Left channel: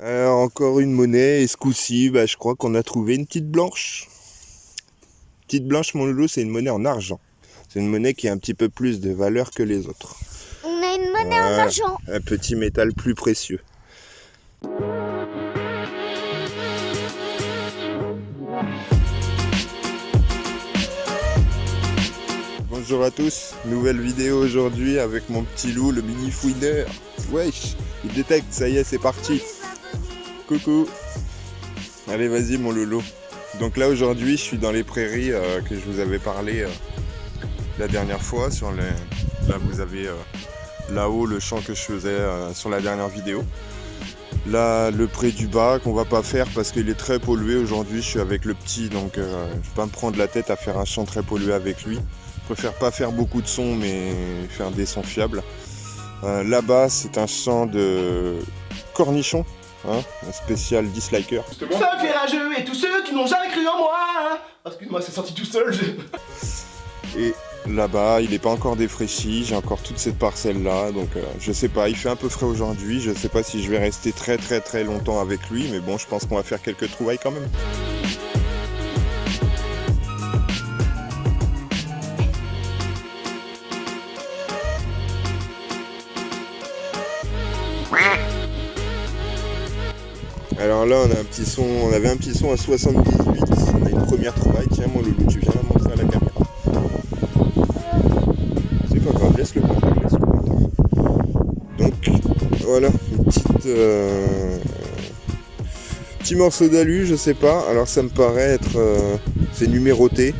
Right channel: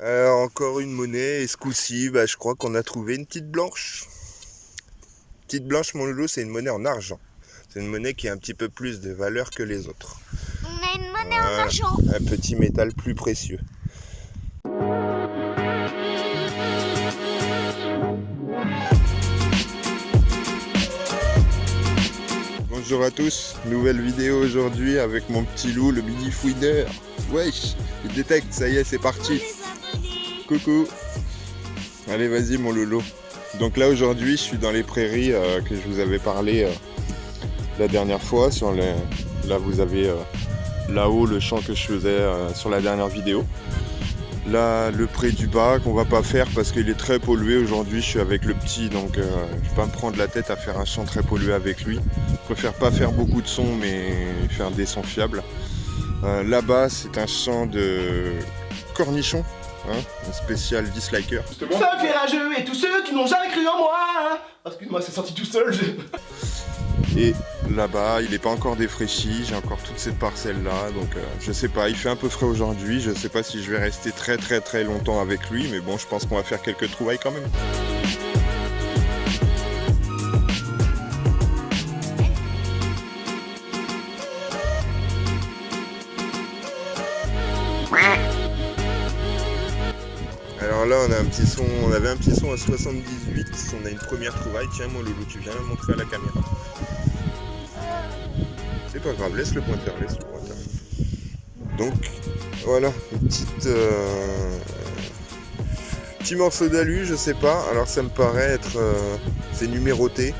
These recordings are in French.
Encore une monnaie, et ce coup-ci, je crois qu'on a trouvé une petite blanche. Petite blanche, mon loulou, c'est une monnaie en argent. C'est une monnaie qui a un petit peu plus de valeur que les autres. On a une monnaie en argent. Un petit métal plus précieux. Bonjour à tous, nouvelle vidéo aujourd'hui avec mon petit loup, le mini fouineur. Wesh, il détecte, ça y est, c'est parti. Coucou. Allez, vas-y mon loulou. Donc là aujourd'hui, je suis dans les prairies que je vous avais parlé la dernière fois. Là, vous avez là-haut le champ que je faisais sur la dernière vidéo. Là, le pré du bas qu'on va pas faire parce qu'il est très pollué aujourd'hui. Je suis avec le petit, donc je vais pas me prendre la tête à faire un champ très pollué avec lui. Je préfère pas faire beaucoup de sons, mais faire des sons fiables. Là-bas, c'est un champ de cornichons, hein, un spécial disliker. Fuck les rageux et tous ceux qui n'ont jamais cru en moi, hein. Oh, excuse-moi, c'est sorti tout seul. Et là-bas, il n'est pas encore défraîchi, j'ai encore toute cette parcelle-là, donc je sais pas, il fait un peu frais aujourd'hui, je sais pas si je vais rester très longtemps avec lui, mais bon, je pense qu'on va faire quelques trouvailles quand même. Alors là, on avait un petit son à 78, on a une première trouvaille. Tiens mon loulou, tu viens la montrer à la caméra. C'est pas grave, laisse-le monter, Donc voilà, une petit morceau d'alu, je sais pas. Alors ça me paraît être c'est numéroté.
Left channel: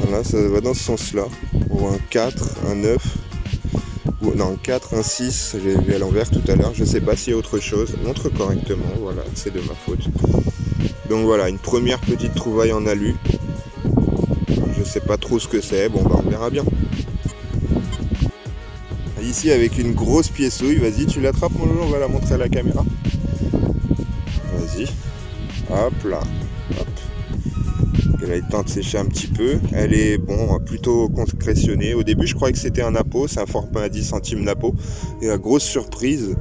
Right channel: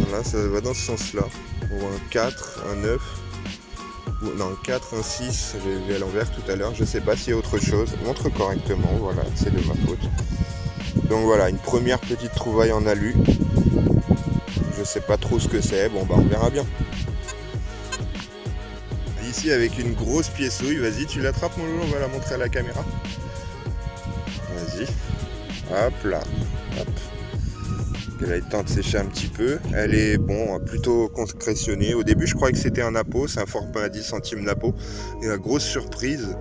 Voilà, ça va dans ce sens-là. Pour un 4, un 9. Non, un 4, un 6, j'ai vu à l'envers tout à l'heure, je sais pas s'il y a autre chose, montre correctement, voilà, c'est de ma faute. Donc voilà, une première petite trouvaille en alu, je sais pas trop ce que c'est, bon on verra bien. Ici avec une grosse piécouille, vas-y tu l'attrapes mon loulou, on va la montrer à la caméra. Vas-y, hop là, hop. Elle a le temps de sécher un petit peu. Elle est plutôt concrétionnée. Au début, je croyais que c'était un napo. C'est un format à 10 centimes napo. Et la grosse surprise,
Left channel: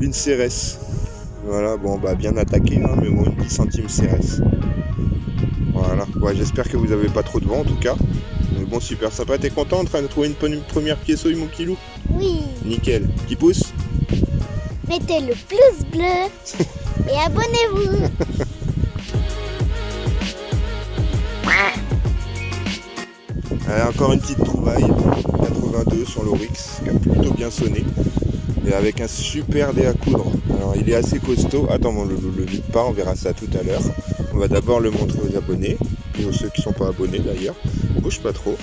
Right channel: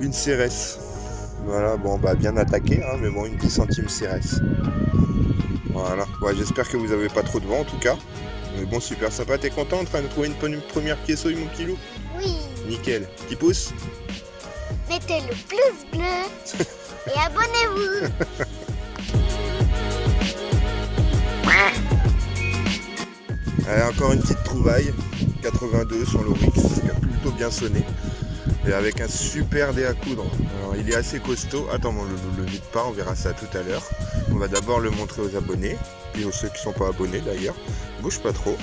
une cérès. Voilà, bien attaqué, hein, mais bon, une 10 centimes cérès. Voilà. Ouais, j'espère que vous n'avez pas trop de vent en tout cas. Mais bon, super sympa. T'es content en train de trouver une première piécouille, mon petit loup? Oui. Nickel. Petit pouce. Mettez le pouce bleu et abonnez-vous. Encore une petite trouvaille, 82 sur l'Oryx, qui a plutôt bien sonné, et avec un super dé à coudre. Alors il est assez costaud, attends, on le vide pas, on verra ça tout à l'heure. On va d'abord le montrer aux abonnés, et aux ceux qui ne sont pas abonnés d'ailleurs. Bouge pas trop,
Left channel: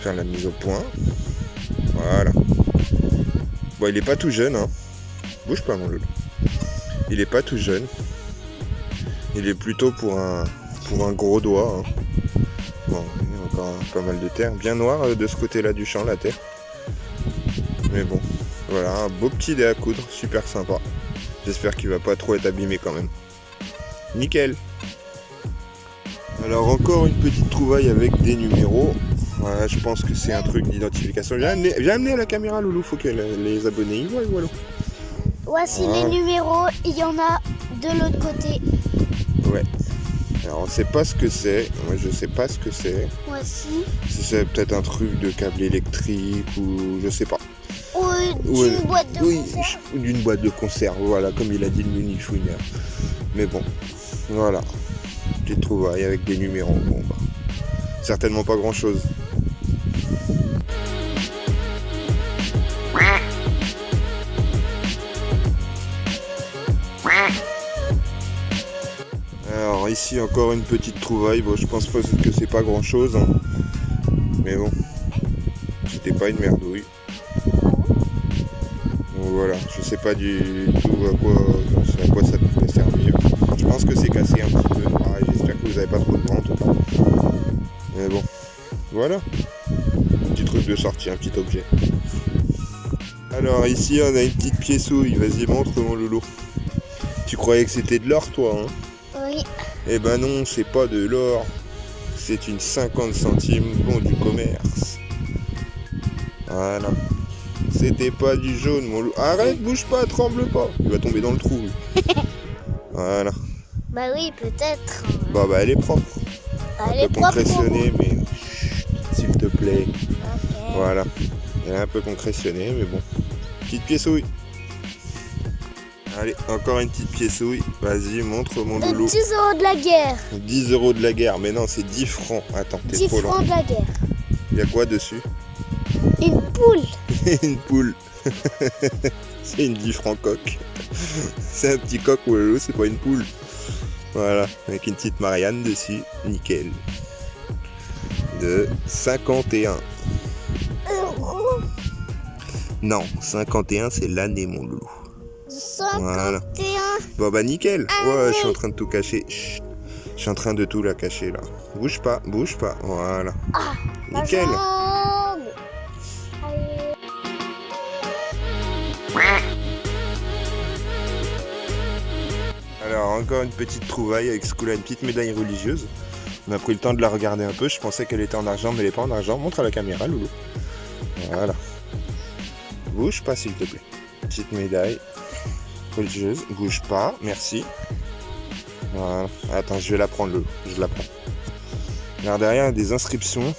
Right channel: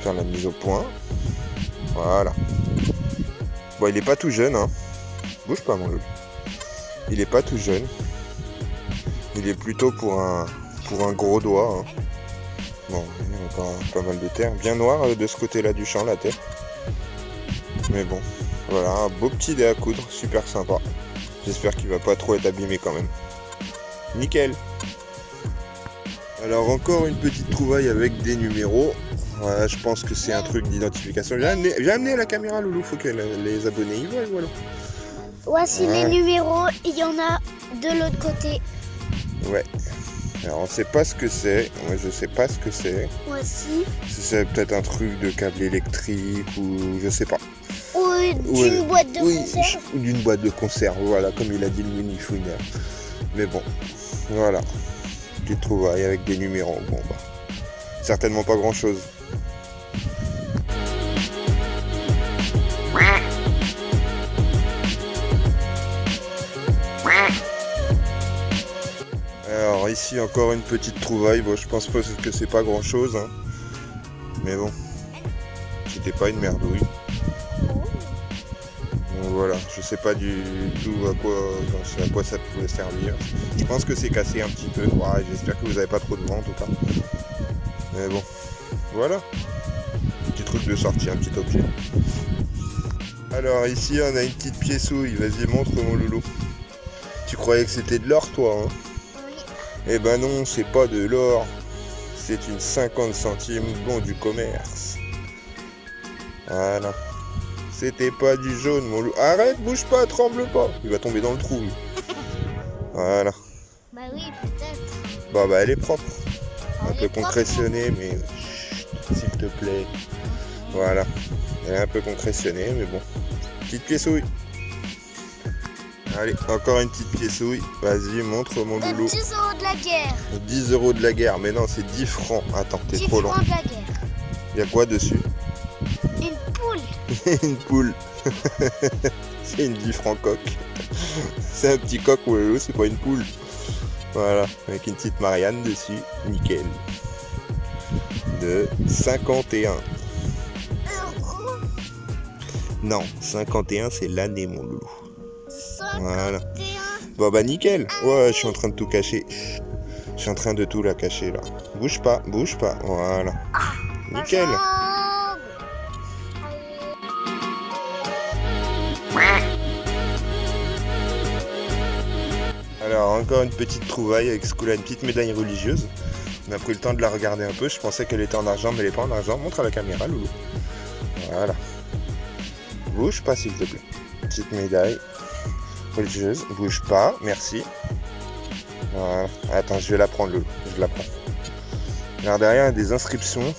faire la mise au point, voilà. Bon, il est pas tout jeune, hein. Bouge pas mon loulou. Il est pas tout jeune, il est plutôt pour un gros doigt, hein. Bon, il y a encore pas mal de terre. Bien noir de ce côté-là du champ, la terre. Mais bon, voilà, un beau petit dé à coudre, super sympa. J'espère qu'il va pas trop être abîmé quand même. Nickel. Alors encore une petite trouvaille avec des numéros. Voilà, je pense que c'est un truc d'identification. Viens amener la caméra, loulou, faut que les abonnés y voient, voilà. Voici les numéros, il y en a de l'autre côté. Ouais. Alors on sait pas ce que c'est, moi je sais pas ce que c'est. Voici. C'est peut-être un truc de câble électrique ou je sais pas. Ou d'une boîte de conserve. Ou d'une boîte de conserve, voilà, comme il a dit le mini fouineur. Mais bon, voilà. Petite trouvaille avec des numéros, certainement pas grand chose. Alors ici encore une petite trouvaille, je pense pas que c'est pas grand chose, hein. Mais bon, c'était pas une merdouille. Donc voilà, je sais pas du tout à quoi ça pourrait servir. Je pense que c'est cassé un petit peu, ouais, j'espère que vous avez pas trop de vent en tout cas. Mais bon, voilà, petit truc de sortie, un petit objet. Alors ici on a une petite piécouille, vas-y montre mon loulou. Tu croyais que c'était de l'or toi, hein? Oui. Eh ben non, c'est pas de l'or, c'est une 50 centimes bon du commerce. Voilà, C'était pas du jaune, mon loup. Arrête, bouge pas, tremble pas. Il va tomber dans le trou, lui. Voilà. Bah oui, peut-être. Bon, bah, elle est propre. Elle Un est peu propre, concrétionnée, mais s'il te plaît. Ok. Voilà. Elle est un peu concrétionnée, mais bon. Petite piécouille. Allez, encore une petite piécouille. Vas-y, montre mon Des loulou. 10 € de la guerre. 10 € de la guerre. Mais non, c'est 10 francs. Attends, t'es 10 trop long. francs de la guerre. Il y a quoi dessus? Une poule. Une poule. C'est une 10 francs coque. C'est un petit coq, mon loulou, c'est pas une poule. Voilà, avec une petite Marianne dessus. Nickel. De 51. Non, 51 c'est l'année, mon loulou. 131. Voilà. Bon bah nickel. Ouais, je suis en train de tout cacher. Chut. Je suis en train de tout la cacher là. Bouge pas, bouge pas. Voilà. Nickel. Ma jambe. Allez. Alors encore une petite trouvaille avec ce coup-là, une petite médaille religieuse. On a pris le temps de la regarder un peu. Je pensais qu'elle était en argent, mais elle n'est pas en argent. Montre à la caméra, loulou. Voilà. Bouge pas, s'il te plaît. Petite médaille religieuse. Bouge pas, merci. Voilà. Attends, je vais la prendre, loulou. Je la prends. Alors derrière, il y a des inscriptions.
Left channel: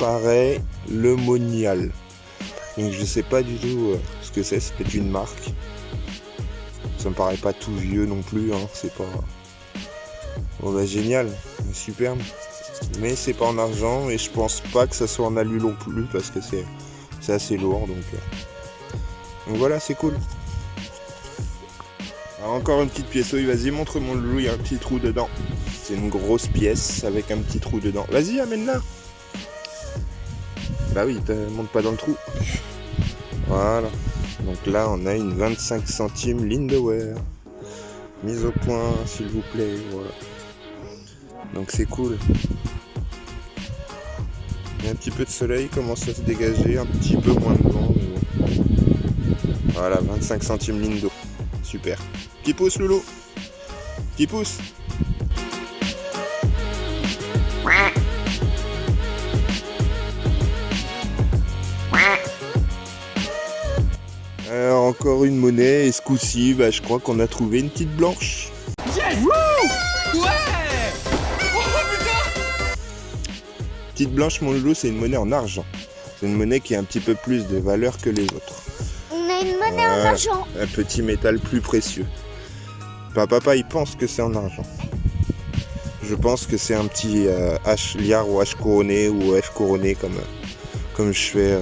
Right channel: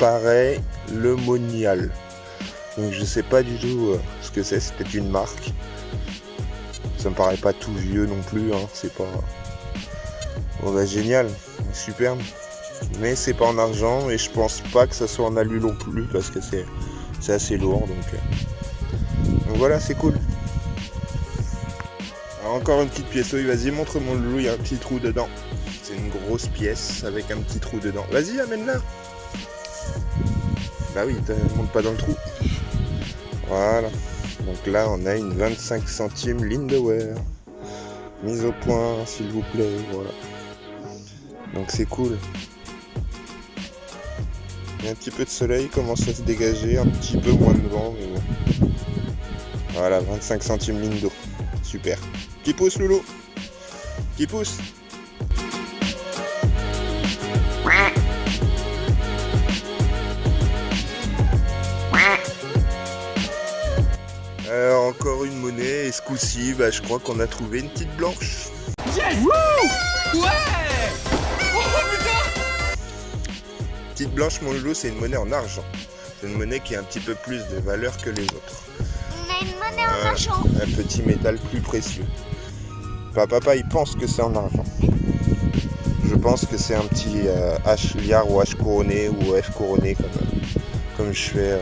Pareil, le monial. Donc je sais pas du tout ce que c'est. C'est peut-être une marque. Ça me paraît pas tout vieux non plus. Hein. C'est pas... Bon bah génial. Superbe. Mais c'est pas en argent et je pense pas que ça soit en alu non plus parce que c'est assez lourd. Donc voilà, c'est cool. Alors, encore une petite piécouille. Vas-y, montre mon loulou. Il y a un petit trou dedans. C'est une grosse pièce avec un petit trou dedans. Vas-y, amène-la. Bah oui, monte pas dans le trou. Voilà. Donc là, on a une 25 centimes Lindauer. Mise au point, s'il vous plaît. Voilà. Donc c'est cool. Il y a un petit peu de soleil, il commence à se dégager, un petit peu moins de vent, mais bon. Voilà, 25 centimes Lindo. Super. Petit pouce, loulou. Petit pouce. Alors encore une monnaie, et ce coup-ci, bah, je crois qu'on a trouvé une petite blanche. Yes. Wouh. Ouais. Petite blanche, mon loulou, c'est une monnaie en argent. C'est une monnaie qui a un petit peu plus de valeur que les autres. On a une monnaie en argent. Un petit métal plus précieux. Papa, il pense que c'est en argent. Je pense que c'est un petit H liard ou H couronné ou F couronné comme je fais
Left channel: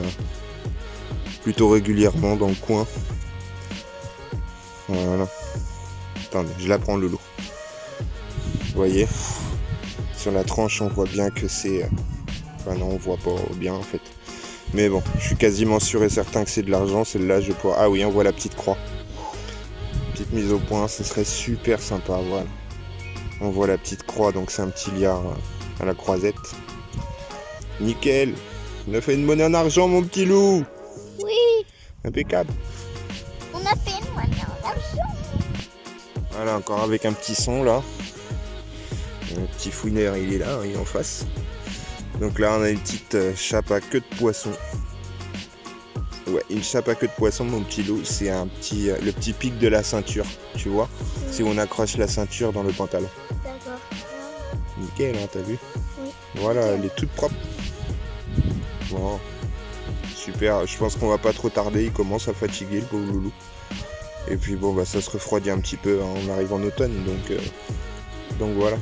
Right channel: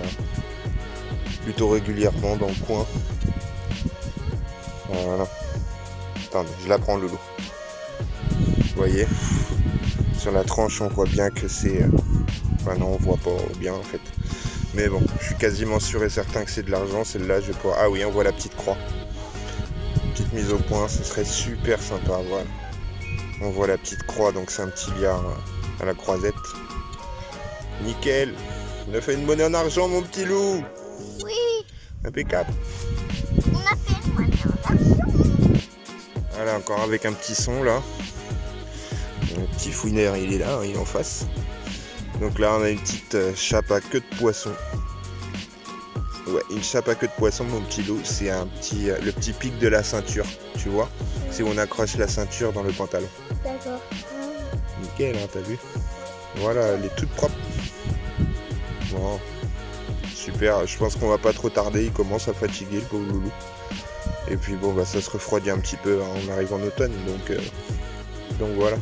plutôt régulièrement dans le coin. Voilà. Attendez, je la prends, loulou. Vous voyez, sur la tranche, on voit bien que c'est... Enfin non, on voit pas bien en fait. Mais bon, je suis quasiment sûr et certain que c'est de l'argent. Celle-là, je pourrais... Ah oui, on voit la petite croix. Petite mise au point, ce serait super sympa, voilà. On voit la petite croix, donc c'est un petit liard à la croisette. Nickel. On a fait une monnaie en argent, mon petit loup. Oui, Impeccable. on a fait une monnaie en argent. Voilà, encore avec un petit son là. Le petit fouineur, il est là, il est en face. Donc là, on a une petite chape à queue de poisson. Ouais, une chape à queue de poisson, mon petit loup, c'est un petit, le petit pic de la ceinture, tu vois. C'est où on accroche la ceinture dans le pantalon. D'accord. Nickel, hein, t'as vu? Oui. Voilà, elle est toute propre. Bon, super, je pense qu'on va pas trop tarder, il commence à fatiguer le pauvre loulou. Et puis bon, bah ça se refroidit un petit peu, hein, on arrive en automne, donc voilà.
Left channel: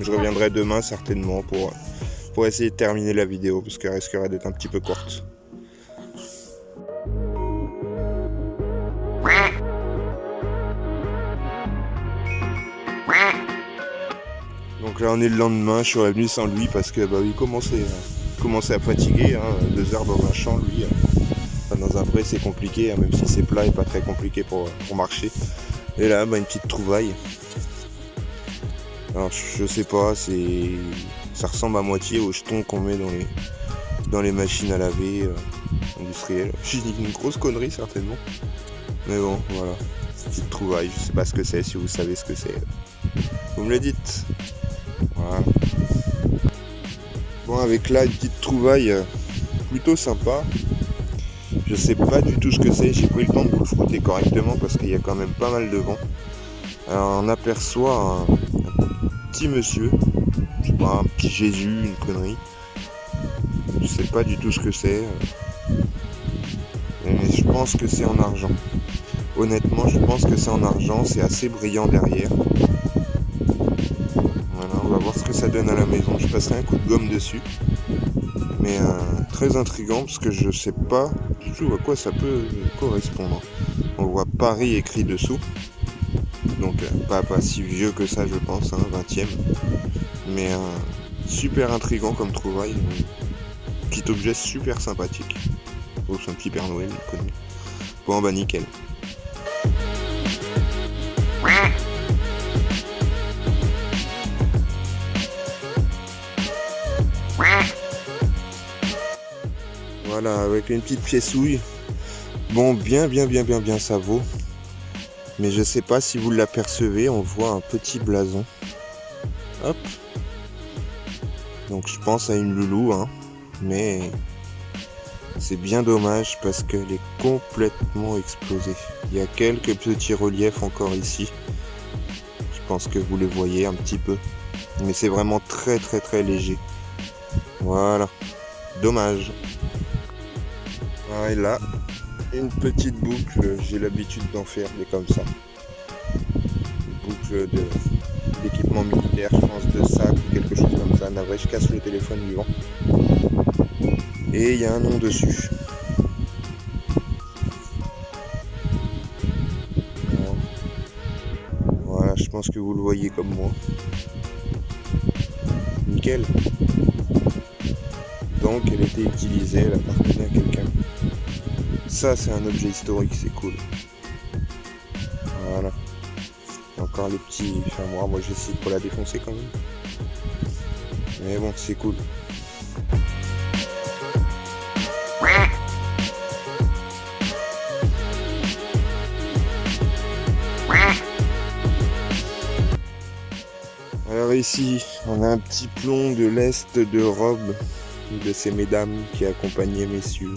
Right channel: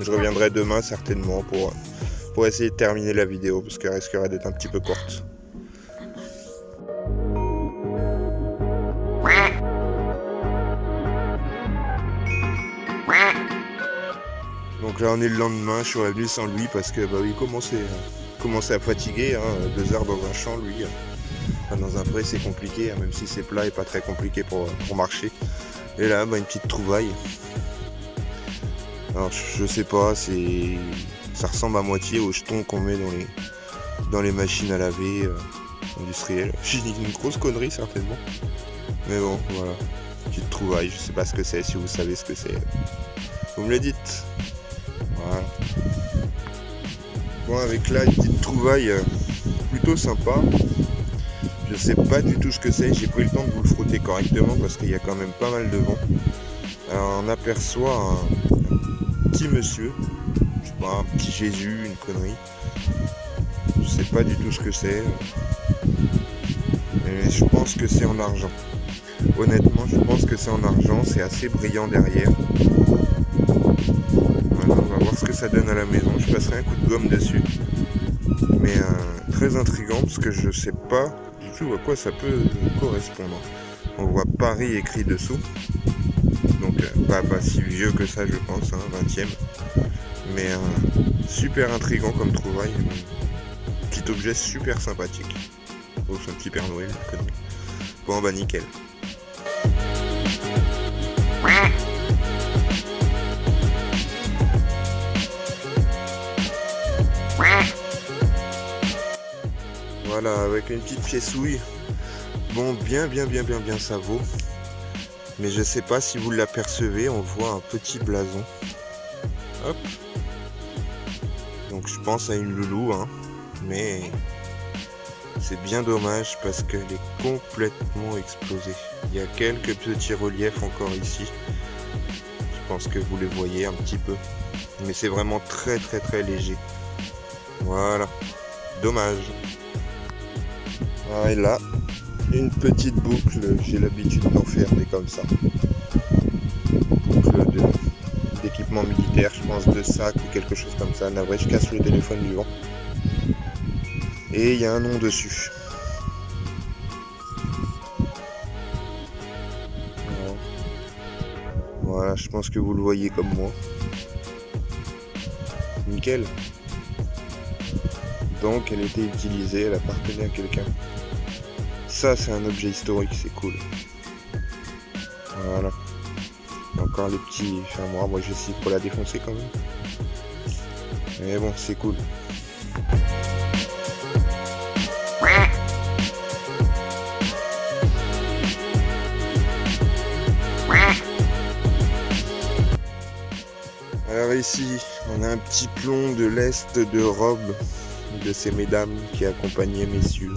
Je reviendrai demain certainement pour essayer de terminer la vidéo, parce qu'elle risquerait d'être un petit peu courte. Donc là on est le lendemain, je suis revenu sans lui parce que bah oui, il commençait à fatiguer, hein, 2 heures dans un champ lui. Enfin, dans un pré c'est compliqué, hein, même si c'est plat et pas très compliqué pour marcher. Et là bah, une petite trouvaille. Alors je sais pas, ça ressemble à moitié aux jetons qu'on met dans les machines à laver industrielles. J'ai dit une grosse connerie certainement. Mais bon voilà, petite trouvaille, je sais pas ce que c'est, si vous savez ce que c'est. Vous me le dites. Voilà. Bon, avec là une petite trouvaille plutôt sympa. Je sais pas du tout ce que c'est, j'ai pris le temps de vous le frotter correctement parce qu'il y a quand même pas mal de vent. Alors on aperçoit un petit monsieur, je sais pas, un petit Jésus, une connerie. Je sais pas du tout ce que c'est. Mais je pense que c'est en argent. Honnêtement, je pense que c'est en argent, c'est assez brillant derrière. Voilà, on va voir ce que ça donne à la maison. Je passerai un coup de gomme dessus. Mais très intriguant parce que je sais pas du tout à quoi ça peut correspondre. On voit Paris écrit dessous. Donc pas si vieux que ça je pense, 20e. Mais super intriguant comme trouvaille. Petit objet super sympathique. Oh, c'est un petit Père Noël, je connais. Bon bah nickel. Voilà, avec une petite fiessouille. Bon, bien ça vaut. Mais je sais pas si vous l'apercevez, on voit un petit blason. Hop. Donc je pense à une loulou, mais c'est bien dommage parce qu'elle est complètement explosée. Il y a quelques petits reliefs encore ici. Je pense que vous les voyez un petit peu. Mais c'est vraiment très léger. Voilà. Dommage. Ah, et là, une petite boucle, j'ai l'habitude d'en faire des comme ça. Boucle d'équipement militaire, je pense de sac ou quelque chose comme ça. Navré, je casse le téléphone du vent. Et il y a un nom dessus. Alors, voilà, je pense que vous le voyez comme moi. Nickel. Donc elle était utilisée, elle appartenait à quelqu'un. Ça c'est un objet historique, c'est cool. Voilà. Encore les petits fermoirs, moi j'essaie de pas la défoncer quand même. Mais bon, c'est cool. Alors ici, on a un petit plomb de l'Est de robe de ces mesdames qui accompagnaient messieurs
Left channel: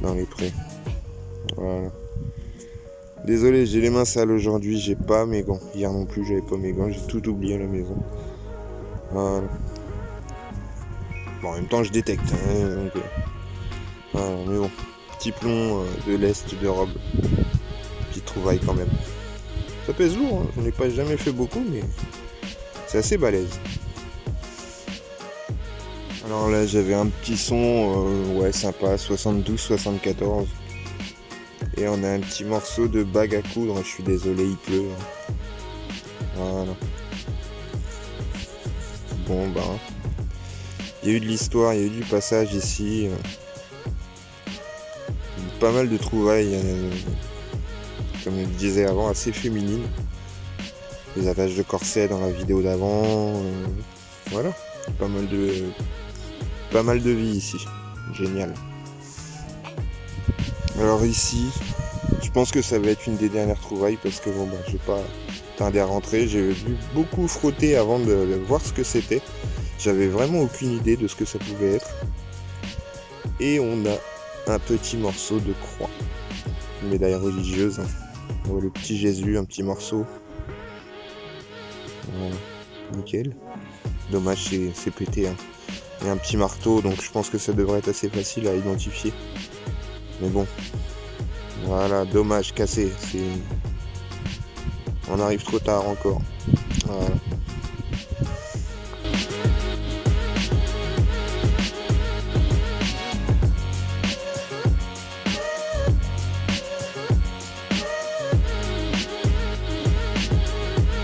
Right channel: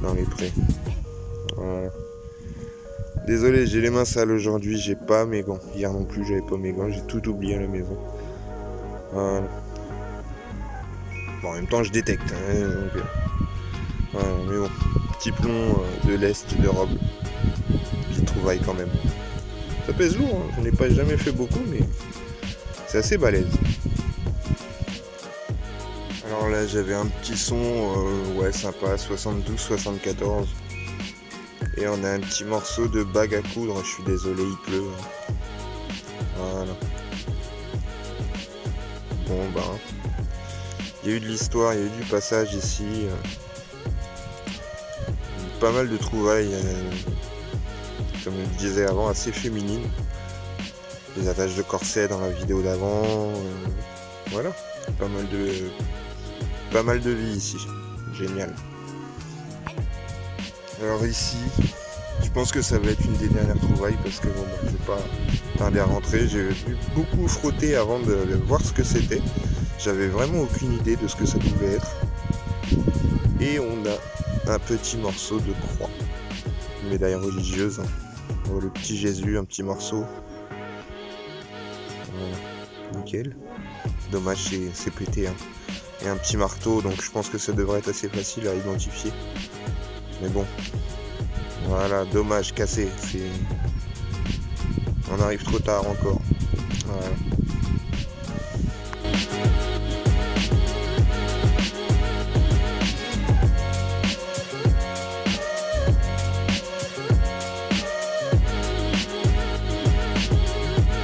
dans les prés. Voilà. Désolé, j'ai les mains sales aujourd'hui, j'ai pas mes gants. Hier non plus, j'avais pas mes gants, j'ai tout oublié à la maison. Voilà. Bon, en même temps, je détecte. Donc, voilà, mais bon, petit plomb de l'Est de robe. Petite trouvaille quand même. Ça pèse lourd, j'en ai pas jamais fait beaucoup, mais c'est assez balèze. Alors là j'avais un petit son ouais sympa, 72-74. Et on a un petit morceau de bague à coudre, je suis désolé il pleut. Voilà. Bon bah. Il y a eu de l'histoire, il y a eu du passage ici. Pas mal de trouvailles, comme je le disais avant, assez féminines. Des attaches de corset dans la vidéo d'avant. Voilà. Pas mal de vie ici. Génial. Alors ici, je pense que ça va être une des dernières trouvailles parce que bon, j'ai pas tardé à rentrer. J'ai dû beaucoup frotter avant de voir ce que c'était. J'avais vraiment aucune idée de ce que ça pouvait être. Et on a un petit morceau de croix. Une médaille religieuse. On voit le petit Jésus, un petit morceau. Voilà. Nickel. Dommage, c'est pété. Et un petit marteau, donc je pense que ça devrait être assez facile à identifier. Mais bon. Voilà, dommage, cassé. On arrive trop tard encore. Voilà.